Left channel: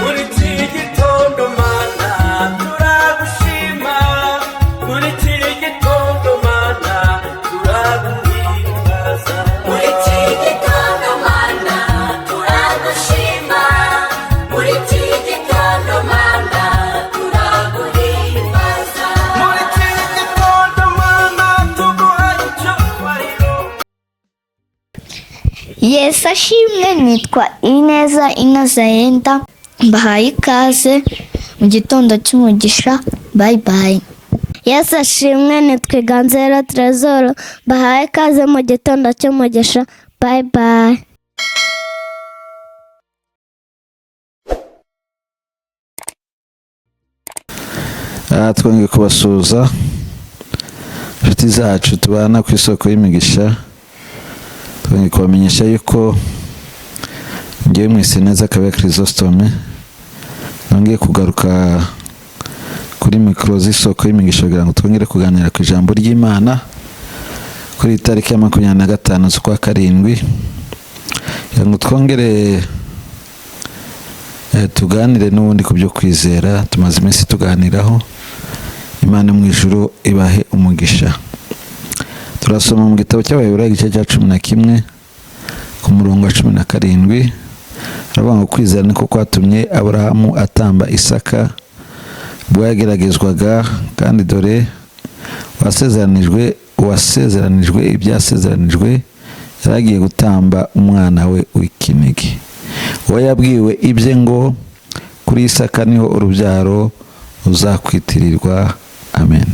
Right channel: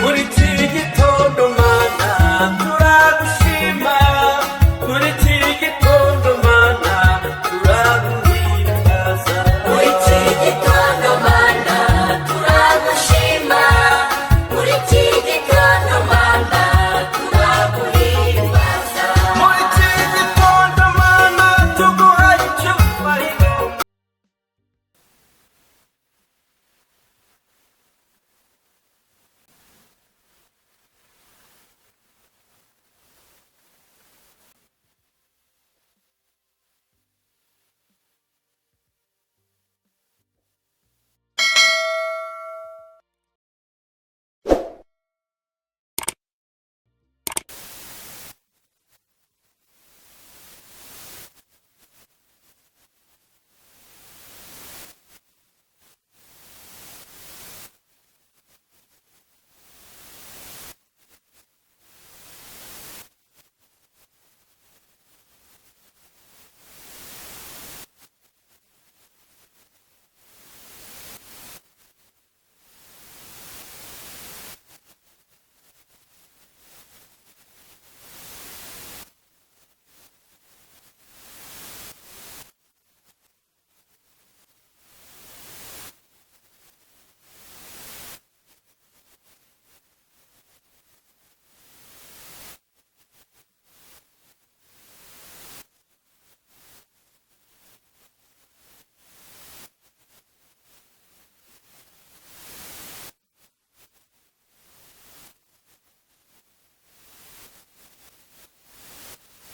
muri iki gitondo mana turagushima, muri iki gitondo mana turaguhimbaza, muri iki gitondo mana turagushima, muri iki gitondo mana turaguhimbaza, muri iki gitondo mana tuguhaye icyubahiro. Yesu ashimwe. Nitwa Ineza Innocenta, mbahaye ikaze mu gitondo cy'umugisha. Bye bye. Yesu ashimwe. Nitwa Ganzera Trezor, mbahaye ikaze mu gitondo cy'umugisha. Bye bye. Twongeye kubasuhuza inshuti zacu tubana ku isoko y'imigisha. Twongeye kubamenyesha yuko ngewe mwese neza Kabera Chrysostome nongeye kugaruka kuri mikoro z'isoko y'imigisha kugira ngo twongere kuganira ku ijambo ry'Imana kuri tariki ya 25 z'ukwa karindwi, kugira ngo twongere tuganire n'ubundi ku byo kwizera tumaze iminsi tuganiraho. Imana mu ijuru ibahe umugisha. Turasoma mu gitabo cy'Abaheburayo igice cya 11 ku murongo wa 17. Aravuga ngo kwizera niko kwatumye Aburahamu atamba Isaka ubwo yageragezwaga, kandi dore uwasezeranijwe ibyasezeranijwe yaragiye gutamba umwana we w'ikinege. Uwo yabwiwe ibye ngo kuri Isaka niho urubyaro uzakwitirirwa. Amen.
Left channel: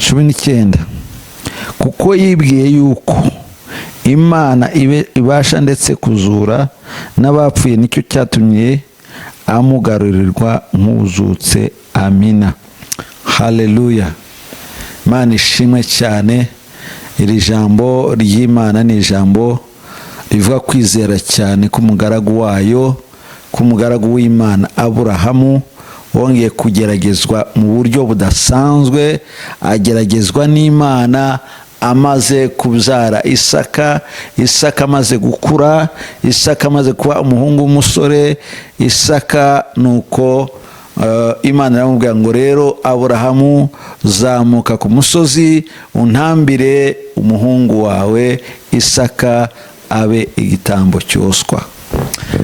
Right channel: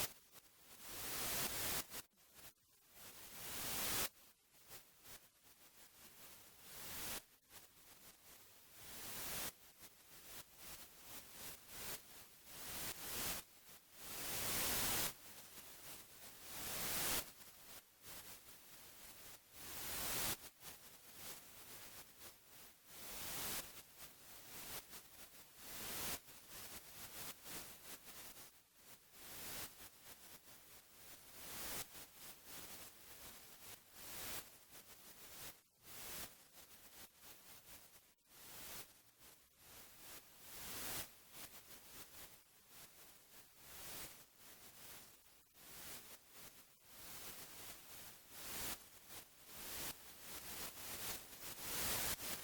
19. Kuko yibwiye yuko Imana ibasha ndetse kuzura n'abapfuye, nicyo cyatumye amugarurirwa nk'uzutse. Amina. Haleluya. Imana ishimwe cyane. Iri jambo ry'Imana ni ijambo rivuga kwizera cyane k'umugaragu wayo, k'umugaragu w'Imana Aburahamu wongeye kugeragezwa mu buryo budasanzwe. Ageragezwa n'Imana amaze kubyara Isaka, Isaka amaze gukura, Isaka amaze kuba umuhungu w'umusore. Isaka nuko Imana iramubwira ngo rero Aburahamu zamuka ku musozi untambire umuhungu wawe Isaka abe igitambo cyoswa,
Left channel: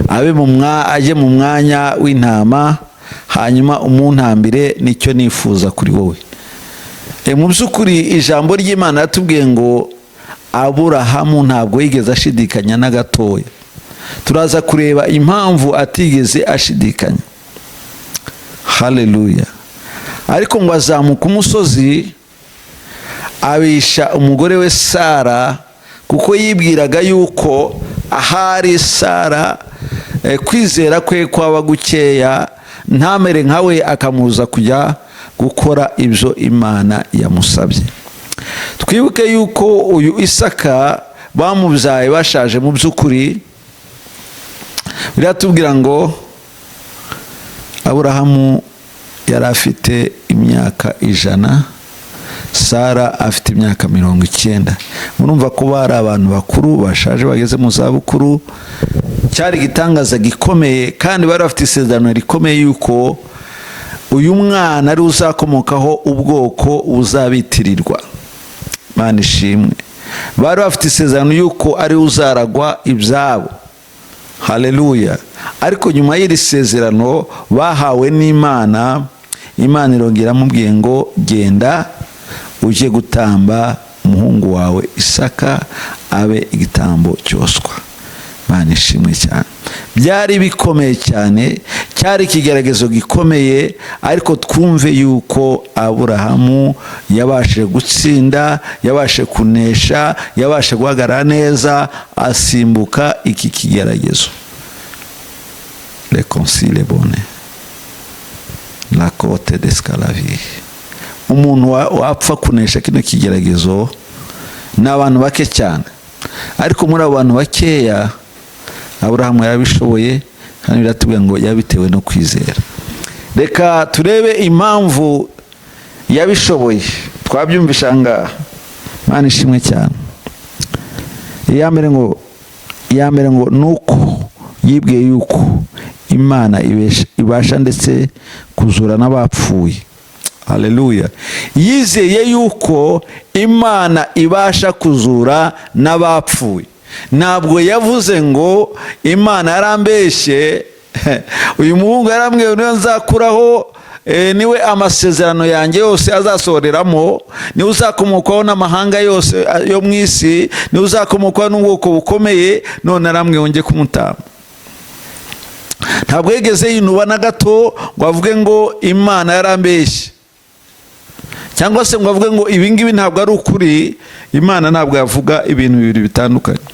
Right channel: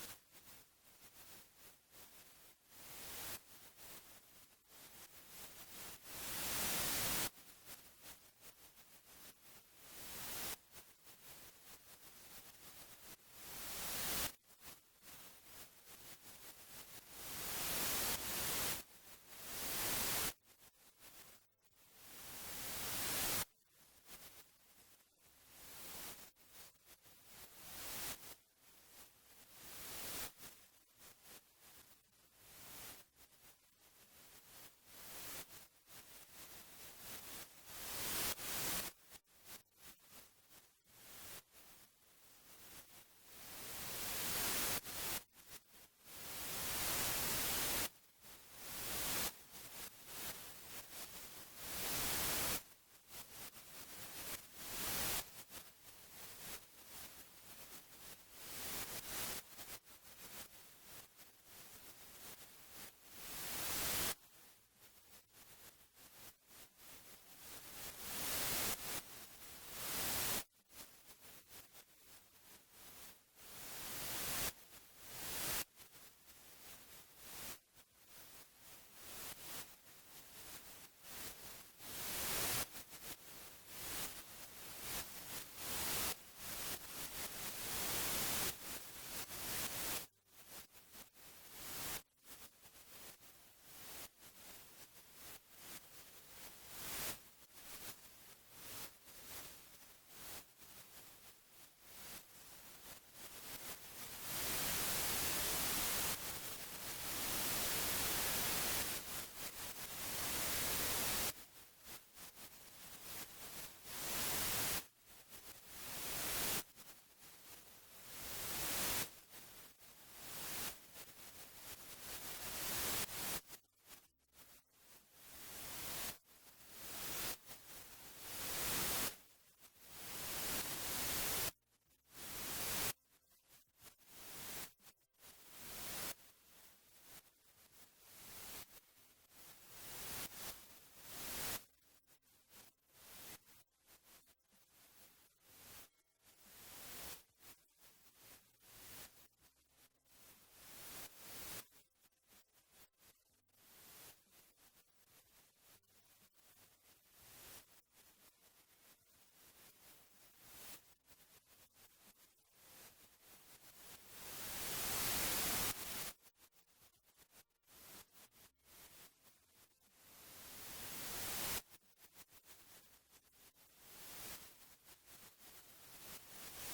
ajye mu mwanya w'intama, hanyuma umuntambire. Nicyo nifuza kuri wowe. Mu by'ukuri ijambo ry'Imana yatubwiye ngo Aburahamu ntabwo yigeze ashidikanya na gatoya. Turaza kureba impamvu atigeze ashidikanya. Haleluya. Ariko ngo azamuka umusozi abisha umugore we Sara, kuko yibwiraga yuko ahari Sara kwizera kwe kwaba gukeya, ntamere nkawe akamuza kujya gukora ibyo Imana yamusabye. Twibuke yuko uyu Isaka bamubyaye bashaje. Mu by'ukuri biratubwira ngo Aburahamu yari afite imyaka 100, Sara afite imyaka 90. Murumva ko bari abantu bakuru bashaje bageze mu za bukuru. Cyari igitangaza gikomeye, kandi bari bafite isezerano rikomeye yuko uyu mwana ari uzakomokaho ubwoko buzabitirirwa. Imana ishimwe. Bari bafite isezerano yuko ari uzaragwa ibyabo. Haleluya. Ariko nyuma y'iri sezerano bahawe n'Imana, Imana irongera amubwiye ngo genda uje gutamba umuhungu wawe Isaka abe igitambo cyoswa. Imana ishimwe cyane. Byari bikomeye cyane, cyari ikigeragezo gikomeye, ariko twumve yuko Aburahamu yabashije gutsinda, yabashije kunesha, yabashije guhagarara neza, asimbuka iki kigeragezo. Reconcile bone la côte d'esclavie. Umuntu wapfa kunesha kino kigeragezo n'abantu bake cyane, ariko muri abo bantu bakeya Aburahamu yarabishoboye, kandi biratubwira ngo yabitewe no kwizera. Reka turebe impamvu yabishoboye. Twabyumvisha ngaha. Imana ishimwe cyane. Iya mbere ngo nuko yibwiye yuko imana ibasha ndetse kuzura n'abapfuye. Haleluya. Yizeye yuko imana ibasha kuzura n'abapfuye. Ntabwo yavuze ngo imana yarambeshye uyu muhungu yarambwiye niyo nzakuraho niwe amasezerano yanjye yose azasohoreramo, niwe uzakomokaho n'amahanga yose yo mu isi, niwe uzakomokaho n'ubwoko bukomeye, none arambwiye njye kumutamba. Ntabwo yigeze yinuba na gato ngo avuge ngo imana yarambeshye, cyangwa se ngo avuge ngo ibingibi ntabwo ari ukuri. Imana ntabwo yavuga ibintu bibiri bitandukanye,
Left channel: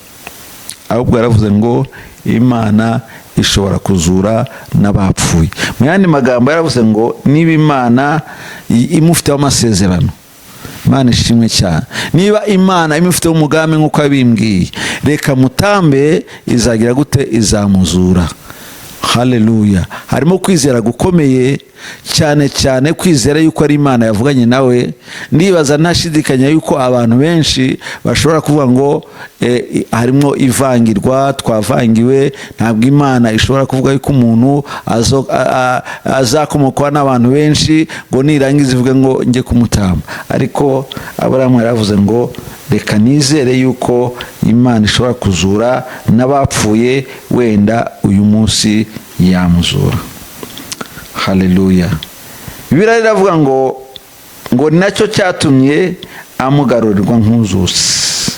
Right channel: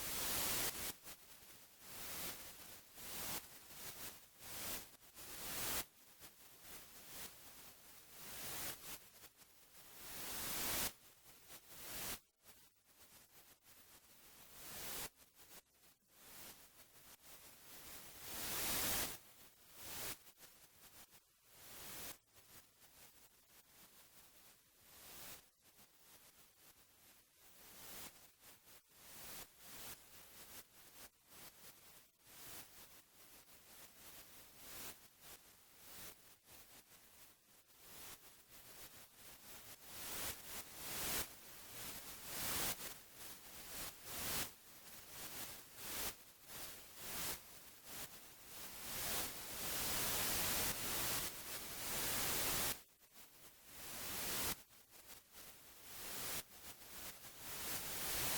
ahubwo yaravuze ngo imana ishobora kuzura n'abapfuye. Mu yandi magambo yaravuze ngo niba imana imufiteho amasezerano, Imana ishimwe cyane, niba imana imufiteho umugambi nk'uko yabimbwiye, reka mutambe, izagira gute? Izamuzura. Haleluya. Harimo kwizera gukomeye cyane cyane, kwizera yuko ari imana yavuganye nawe. Ndibaza ntashidikanya yuko abantu benshi bashobora kuvuga ngo harimo ivangirwa, twavangiwe. Ntabwo imana ishobora kuvuga yuko umuntu azakomokwa n'abantu benshi ngo nirangiza ivuge ngo njye kumutamba. Ariko Aburahamu yaravuze ngo reka nizere yuko imana ishobora kuzura n'abapfuye, wenda uyu munsi yamuzura. Haleluya. Bibiliya iravuga ngo ni nacyo cyatumye amugarurirwa nk'uzusi.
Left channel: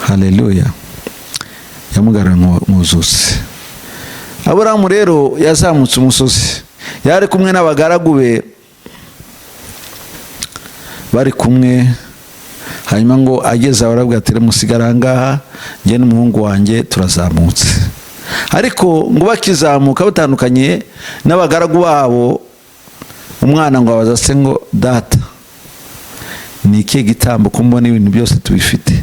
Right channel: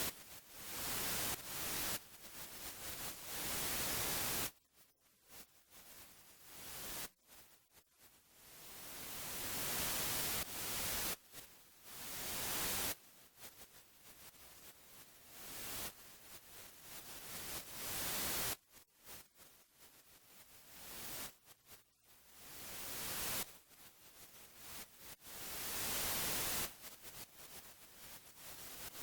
Haleluya. Yamugaruriye nk'uzusi. Aburahamu rero yazamutse umusozi, yari kumwe n'abagaragu be bari kumwe. Hanyuma ngo ageze aho arabwira ati musigara ahangaha, njye n'umuhungu wanjye turazamutse. Ariko ngo bakizamuka batandukanye n'abagaragu babo, umwana ngo abaza se ngo data, ni ikihe gitambo ko mbona ibintu byose tubifite?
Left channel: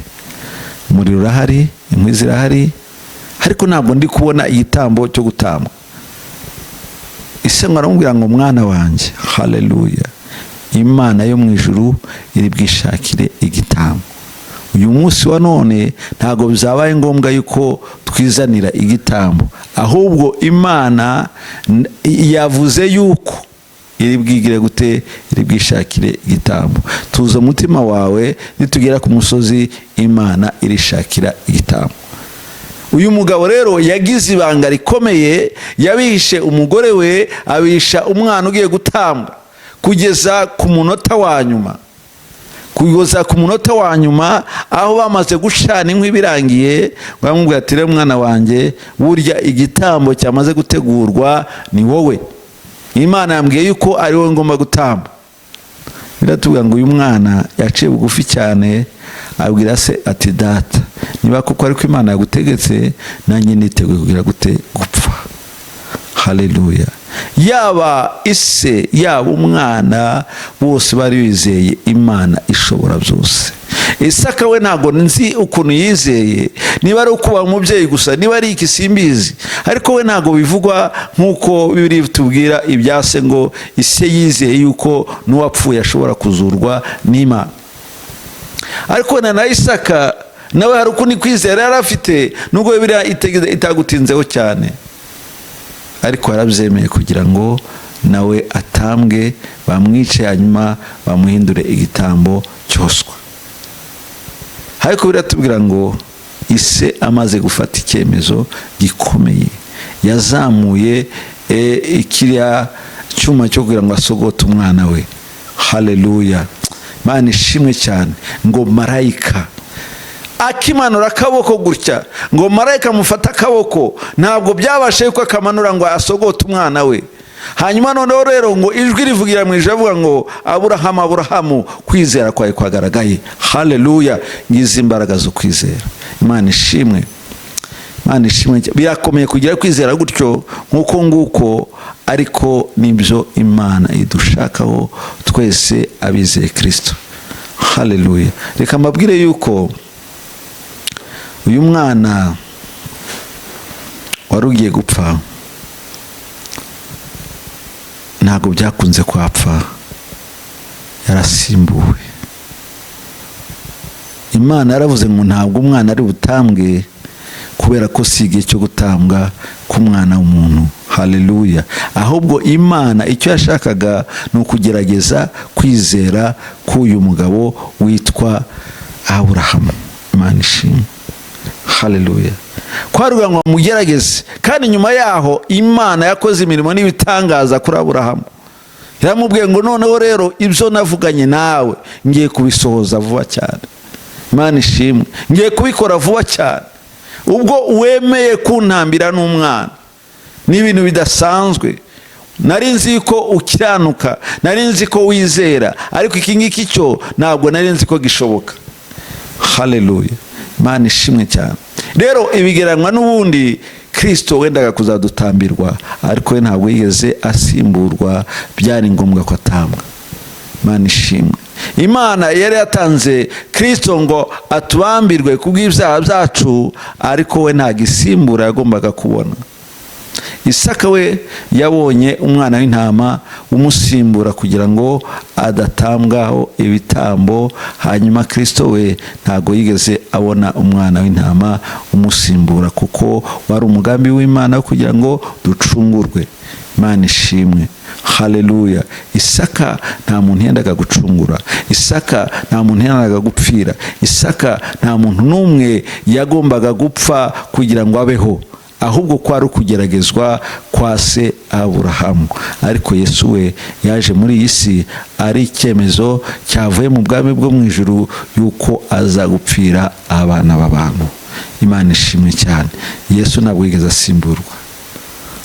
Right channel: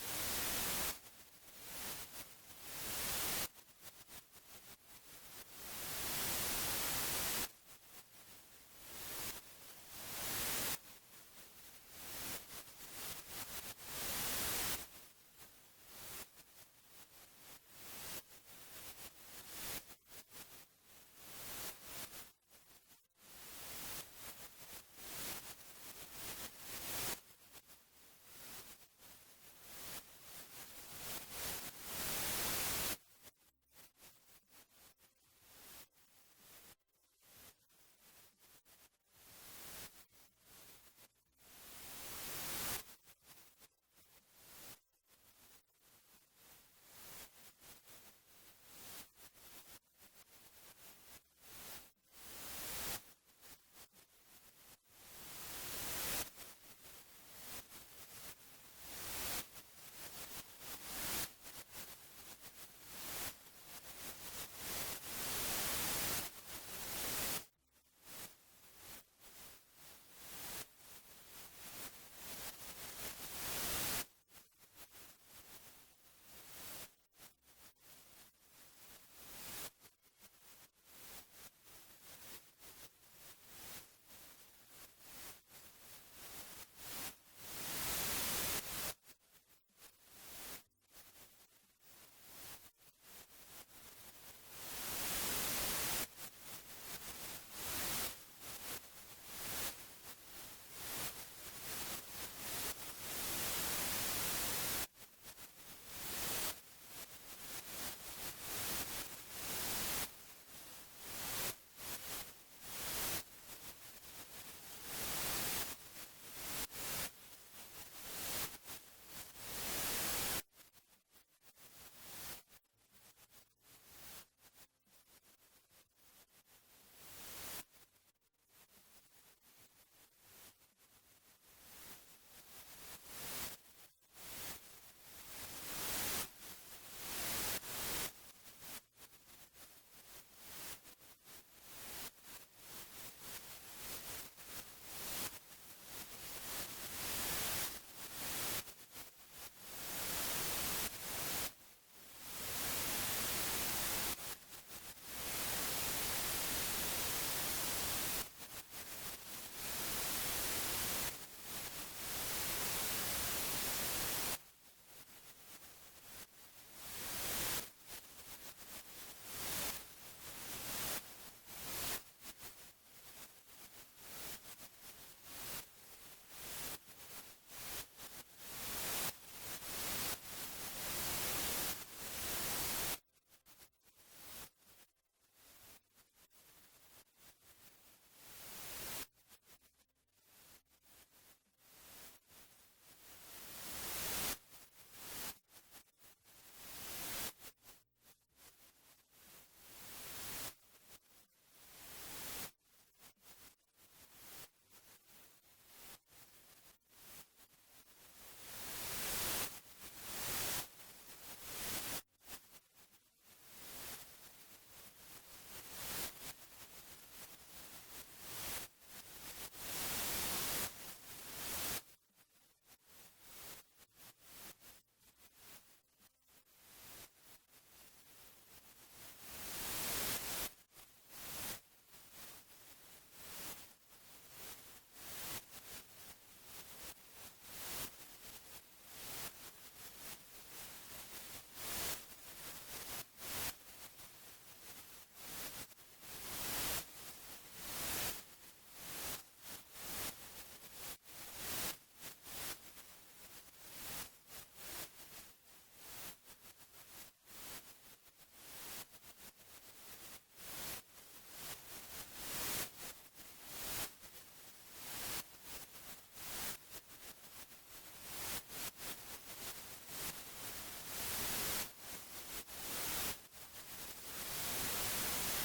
Umuriro urahari, inkwi zirahari, ariko ntabwo ndi kubona igitambo cyo gutamba. Ise ngo aramubwira ngo mwana wanjye, haleluya, imana yo mu ijuru iri bwishakire igitambo. Uyu munsi wa none ntabwo bizabaye ngombwa yuko twizanira igitambo, ahubwo imana yavuze yuko iri bwigire gute? Iri bwishakire igitambo. Tuza umutima wawe, nitugera ku musozi imana irishakira igitambo. Uyu mugabo rero yagize ibanga rikomeye, yabihishe umugore we, abisha umwana ugiye gutambwa kugeza ku munota wa nyuma. Kugeza ku munota wa nyuma aho bamaze gushana inkwi birangiye, bamubwira ati rero mwana wanjye, burya igitambo cyamaze gutegurwa ni wowe. Imana yambwiye yuko ari wowe ngomba gutamba. Biratubwira ngo uyu mwana yaciye bugufi cyane, abwira se ati data, niba kuko ariko Imana yagutegetse, nanjye niteguye kugira gute? Gupfa. Haleluya. Yaba ise yaba umwana bose bari bizeye Imana ishobora byose. Isaka we ntabwo nzi ukuntu yizeye, niba ari ukuba umubyeyi gusa, niba ari iki simbizi, ariko we ntabwo bivugwa nk'uko Bibiliya bitubwira ibyase ngo ise yizeye yuko n'uwapfuye ashobora kuzurwa n'Imana. Ariko na Isaka nawe hari ukundi kwizera yari afite, nubwo Bibiliya itagutinzeho cyane, ariko yarabyemeye kugira ngo nawe atambwe, bamwice, hanyuma bamuhindure igitambo cyoswa. Ariko biratubwira ngo ise amaze gufata icyemezo gikomeye, yazamuye ikiriya cyuma cyo kugira ngo asogote umwana we. Haleluya. Imana ishimwe cyane. Ngo marayika akimanura akaboko gutya, ngo marayika amufata akaboko, ntabwo byabashe yuko akamanura ngo asogote umwana we. Hanyuma noneho rero ngo ijwi rivugira mu ijuru avuga ngo Aburahamu, Aburahamu, kwizera kwawe kwagaragaye. Haleluya. Ngize imbaraga zo kwizera. Imana ishimwe. Imana ishimwe. Birakomeye kugira kwizera gutyo nk'uko nguko, ariko nibyo Imana idushakaho twese abizeye Kristo. Haleluya. Reka mbabwire yuko uyu mwana wari ugiye gupfa ntabwo byakunze kwapfa, yarasimbuwe. Imana yaravuze ngo ntabwo umwana ari butambwe kubera ko si igihe cyo gutambwa k'umwana w'umuntu. Haleluya. Ahubwo Imana icyo yashakaga ni ukugerageza kwizera k'uyu mugabo witwa Aburahamu. Imana ishimwe. Haleluya. Kwaruga ngo mugerageze, kandi nyuma yaho Imana yakoze imirimo n'ibitangaza kuri Aburahamu. Yaramubwiye ngo noneho rero ibyo navuganye nawe ngiye kubisohoza vuba cyane. Imana ishimwe. Ngiye kubikora vuba cyane. Ubwo wemeye kuntambira n'umwana, ni ibintu bidasanzwe. Nari nzi ko ukiranuka, nari nzi ko wizera, ariko iki ngiki cyo ntabwo nari nzi ko gishoboka. Haleluya. Imana ishimwe cyane. Rero ibigeranwa n'ubundi Kristo wendaga kuzadutambirwa, ariko we ntabwo yigeze asimburwa, byari ngombwa ko atambwa. Imana ishimwe. Imana yari yatanze Kristo ngo atubambirwe kubw'ibyaha byacu, ariko we nta gisimbura yagombaga kubona. Isaka we yabonye umwana w'intama umusimbura kugira ngo adatambwaho ibitambo, hanyuma Kristo we ntago yigeze abona umwana w'intama umusimbura, kuko wari umugambi w'Imana kugira ngo ducungurwe. Imana ishimwe. Haleluya. Isaka nta muntu yendaga gucungura. Isaka nta muntu yendaga gupfira. Isaka nta muntu n'umwe yagombaga gupfa kugira ngo abeho, ahubwo kwari ukugeragezwa kwa se Aburahamu. Ariko Yesu we yaje muri iyi si ari icyemezo cyavuye mu bwami bwo mu ijuru yuko aza gupfira abana b'abantu. Imana ishimwe cyane. Yesu ntabwo yigeze asimburwa.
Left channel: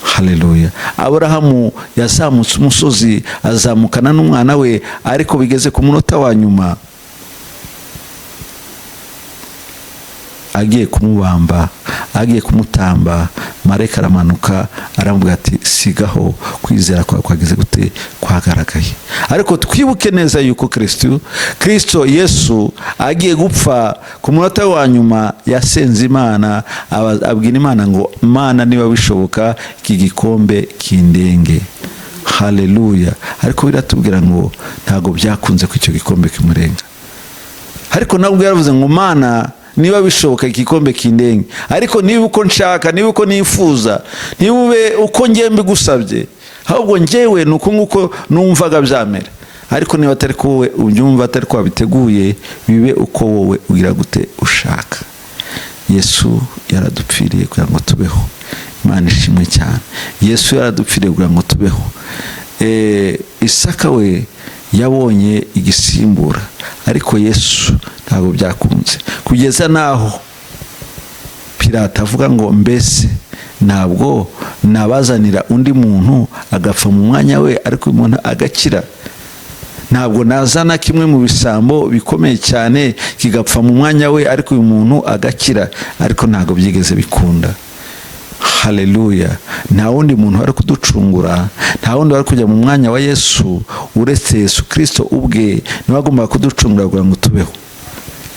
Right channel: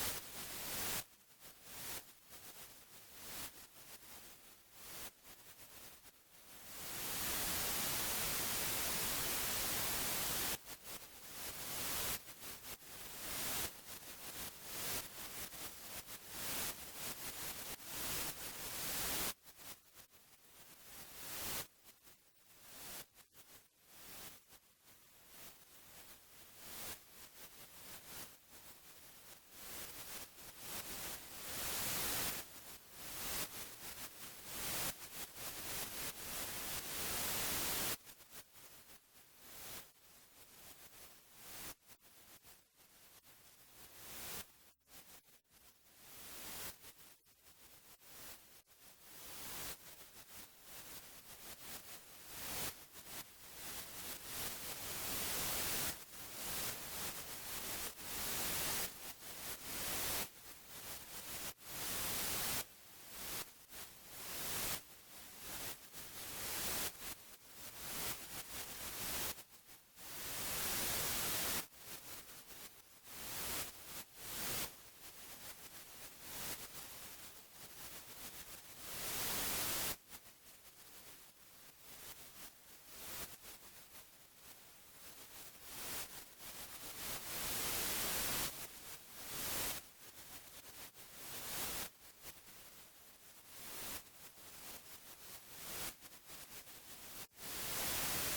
Haleluya. Aburahamu yazamutse umusozi azamukana n'umwana we, ariko bigeze ku munota wa nyuma agiye kumubamba, agiye kumutamba, marayika aramanuka aramubwira ati sigaho, kwizera kwawe kwageze gute? Kwagaragaye. Ariko twibuke neza yuko Kristo Yesu agiye gupfa ku munota wa nyuma yasenze Imana, abwira Imana ngo Mana niba bishoboka iki gikombe kindenge. Haleluya. Ariko biratubwira ngo ntago byakunze ko icyo gikombe kimurenga. Ariko nabwo yaravuze ngo Mana niba bishoboka igikombe kindenge, ariko niba uko nshaka, niba uko nifuza, niba ube uko ngiye mbigusabye, ahubwo njyewe nuko nguko numvaga byamera. Ariko niba atari ko wowe ubyumva, atari ko wabiteguye, bibe uko wowe ugira gute ushaka. Yesu yaradupfiriye kugira ngo tubeho. Imana ishimwe cyane. Yesu yaradupfiriye kugira ngo tubeho. Isaka we yabonye igisimbura, ariko Yesu ntabwo byakunze, kugeza naho Pilato avuga ngo mbese ntabwo nabazanira undi muntu agapfa mu mwanya we, ariko umuntu agakira? Ntabwo nazana kimwe mu bisambo bikomeye cyane kigapfa mu mwanya we, ariko uyu muntu agakira? Ariko ntabwo byigeze bikunda. Haleluya. Nta wundi muntu wari kuducungura, nta wundi wari kujya mu mwanya wa Yesu uretse Yesu Kristo ubwe niwe agomba kuducungura kugira ngo tubeho.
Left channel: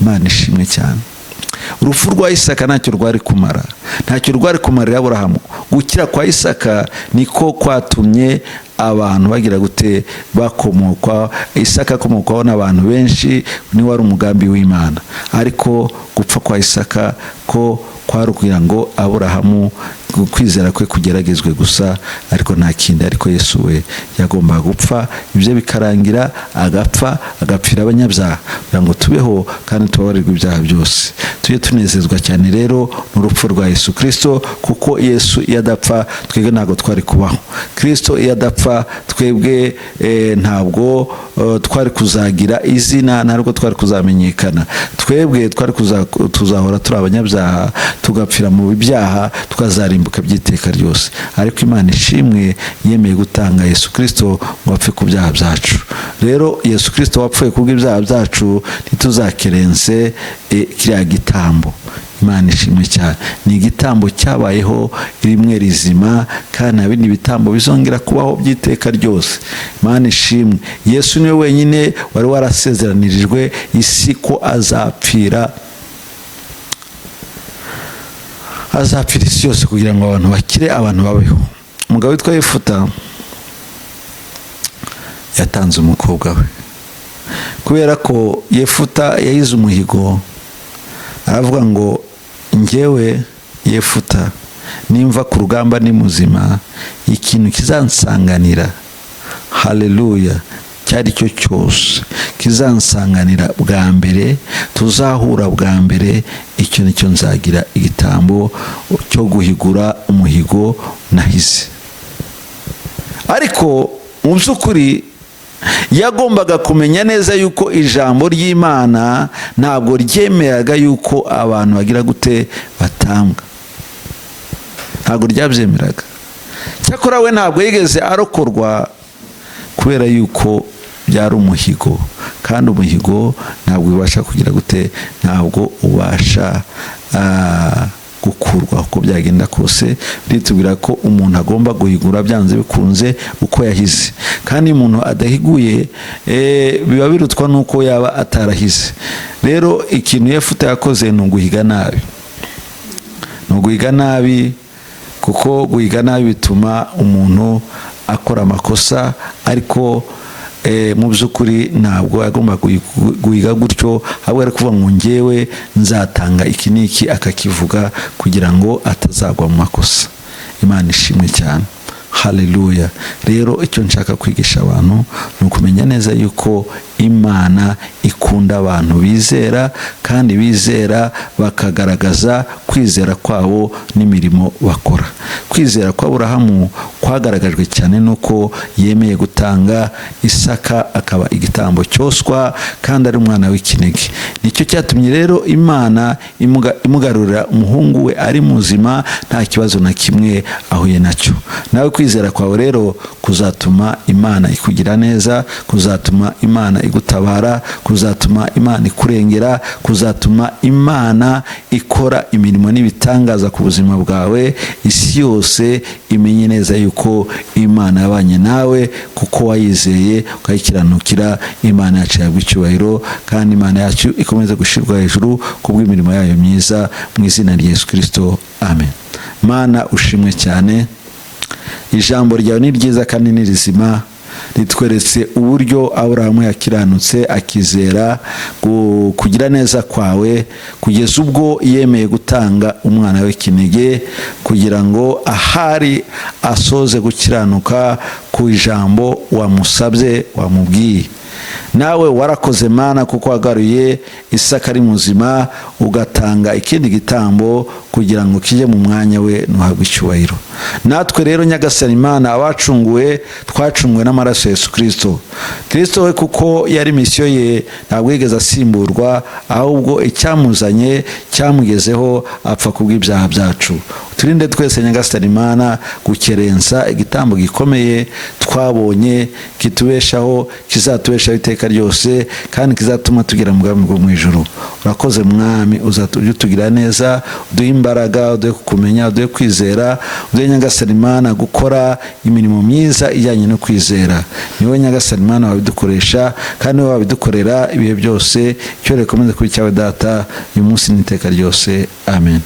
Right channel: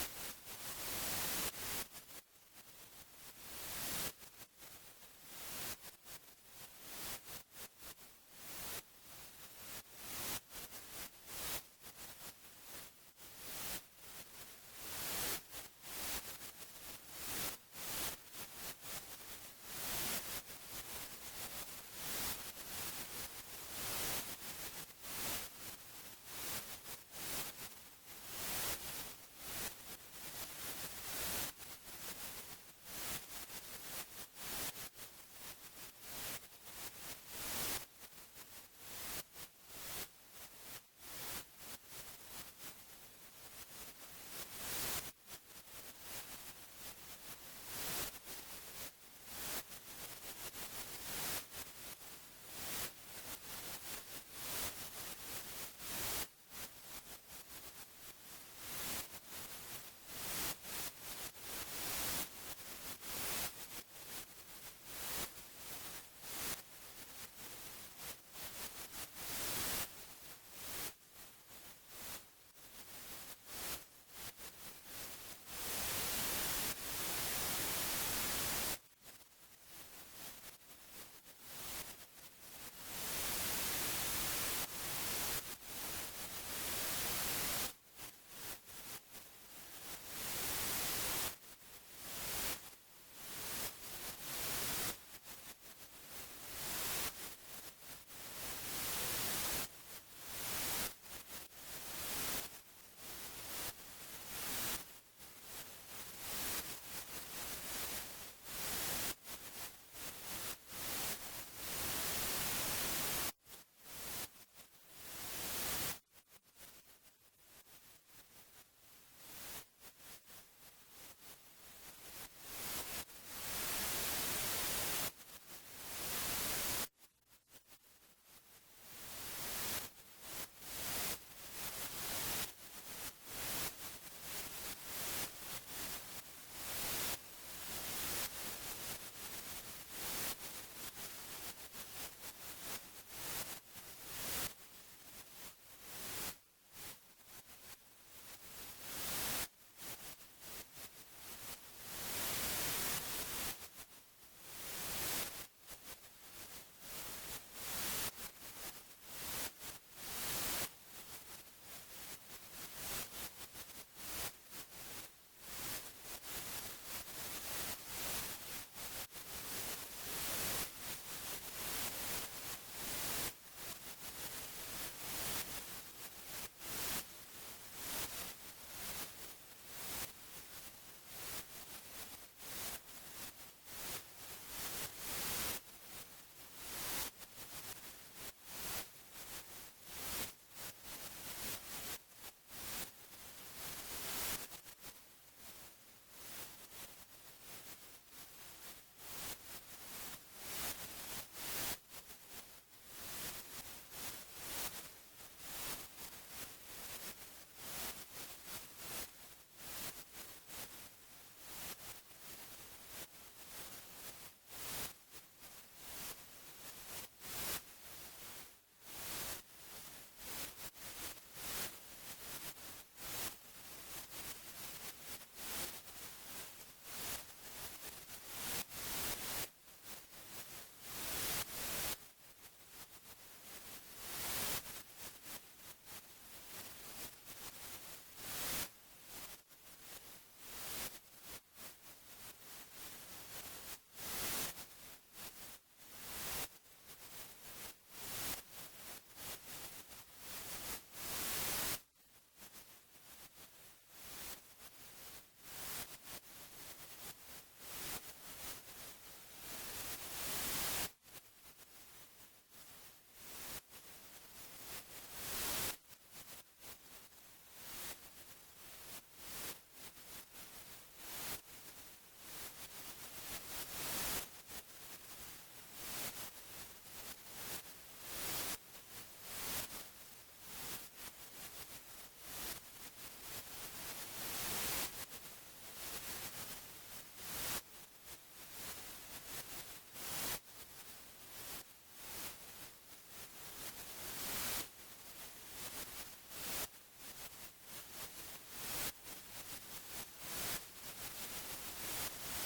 Imana ishimwe cyane. Urupfu rwa Isaka ntacyo rwari kumara, ntacyo rwari kumarira Aburahamu. Gukira kwa Isaka niko kwatumye abantu bagira gute bakomokwa. Isaka akomokwaho n'abantu benshi, ni wari umugambi w'Imana. Ariko gupfa kwa Isaka ko kwari kugira ngo Aburahamu kwizera kwe kugeragezwe gusa, ariko nta kindi. Ariko Yesu we yagombaga gupfa, ibyo bikarangira, agapfa, agapfira abanyabyaha kugira ngo tubeho kandi tubabarirwe ibyaha byose. Tujye tunezezwa cyane rero n'urupfu rwa Yesu Kristo, kuko Yesu iyo adapfa twebwe ntabwo twari kubaho. Kristo iyo adapfa twebwe ntabwo twari kuzagira izina, ntabwo twari kuzamenyekana. Twebwe twari tuzahora turi abanyabyaha, tugapfira mu byaha, tukazarimbuka by'iteka ryose. Ariko Imana ishimwe yemeye gutanga Yesu Kristo ngo apfe ku byaha byacu. Rero Yesu Kristo wapfuye kubw'ibyaha byacu, ntituzakerense kiriya gitambo. Imana ishimwe cyane. Ni igitambo cyabayeho rimwe rizima, kandi nta bindi bitambo bizongera kubaho by'iteka ryose. Imana ishimwe. Yesu niwe wenyine wari warasezeranirijwe isi ko azapfira isi yose kugira ngo abantu bakire, abantu babeho. Umugabo witwa Yefuta yatanze umukobwa we, kubera ko Yefuta yayize umuhigo. Aravuga ngo njyewe Yefuta, nimva ku rugamba ni muzima, ikintu kizansanganira, haleluya, cyari cyo cyose kizansanganira bwa mbere, tuzahura bwa mbere, icyo nicyo nzagira igitambo cyo guhigura umuhigo nahize. Ariko mu by'ukuri yagombaga kumenya neza yuko ijambo ry'Imana ntabwo ryemeraga yuko abantu bagira gute batambwa, ntabwo ryabyemeraga. Cyakora we ntabwo yigeze arokorwa kubera yuko byari umuhigo, kandi umuhigo ntabwo ubasha kugira gute, ntabwo ubasha gukurwa uko byagenda kose. Ritubwira ko umuntu agomba guhigura byanze bikunze uko yahize, kandi umuntu adahiguye biba birutwa nuko yaba atarahize. Rero ikintu Yefuta yakoze ni uguhiga nabi, ni uguhiga nabi, kuko guhiga nabi bituma umuntu akora amakosa. Ariko mu by'ukuri ntabwo agomba guhiga gutyo, ahubwo ari kuvuga ngo njyewe nzatanga iki n'iki, akakivuga kugira ngo atazagwa mu makosa. Imana ishimwe cyane, haleluya. Rero icyo nshaka kwigisha abantu ni ukumenya neza yuko Imana ikunda abantu bizera, kandi bizera bakagaragaza kwizera kwabo n'imirimo bakora. Kwizera kwa Aburahamu kwagaragajwe cyane nuko yemeye gutanga Isaka akaba igitambo cyoswa, kandi ari umwana w'ikinege. Nicyo cyatumye rero Imana imugarurira umuhungu we ari muzima, nta kibazo na kimwe ahuye nacyo. Nawe kwizera kwawe rero kuzatuma Imana ikugira neza, kuzatuma Imana igutabara, kuzatuma Imana ikurengera, kuzatuma Imana ikora imirimo n'ibitangaza ku buzima bwawe. Isi yose imenye neza yuko Imana yabanye nawe, kuko wayizeye ukayikiranukira. Imana yacu yabwa icyubahiro, kandi Imana yacu ikomeza gushirwa hejuru kubw'imirimo yayo myiza, mu izina rya Yesu Kristo, amen. Mana ushimwe cyane, ijambo ryawe ni ryiza kandi ni rizima. Ritweretse uburyo Aburahamu yakiranutse akizera kugira neza kwawe, kugeza ubwo yemeye gutanga umwana w'ikinege kugira ngo ahari asoze gukiranuka ku ijambo wamusabye, wamubwiye. Nawe warakoze Mana, kuko wagaruye Isaka ari muzima, ugatanga ikindi gitambo kugira ngo kijye mu mwanya we, nuhabwe icyubahiro. Natwe rero Nyagasani Imana, abacunguwe twacunguwe n'amaraso ya Yesu Kristo. Kristo we kuko yari misiyo ye, ntabwo yigeze asimburwa, ahubwo icyamuzanye cyamugezeho, apfa kubw'ibyaha byacu. Turinde twese Nyagasani Imana gukerensa igitambo gikomeye twabonye, kitubeshaho, kizatubeshaho iteka ryose, kandi kizatuma tugira mu bwami bwo mu ijuru. Urakoze Mwami, uzatugira neza, uduhe imbaraga, uduhe kukumenya, uduhe kwizera, uduhe Nyagasani Imana gukora imirimo myiza ijyanye no kwizera. Ni wowe Nyagasani Imana wabidukoresha, kandi wowe wabidukorera ibihe byose. Icyo rekomeze kuri cyawe Data, uyu munsi n'iteka ryose, amen.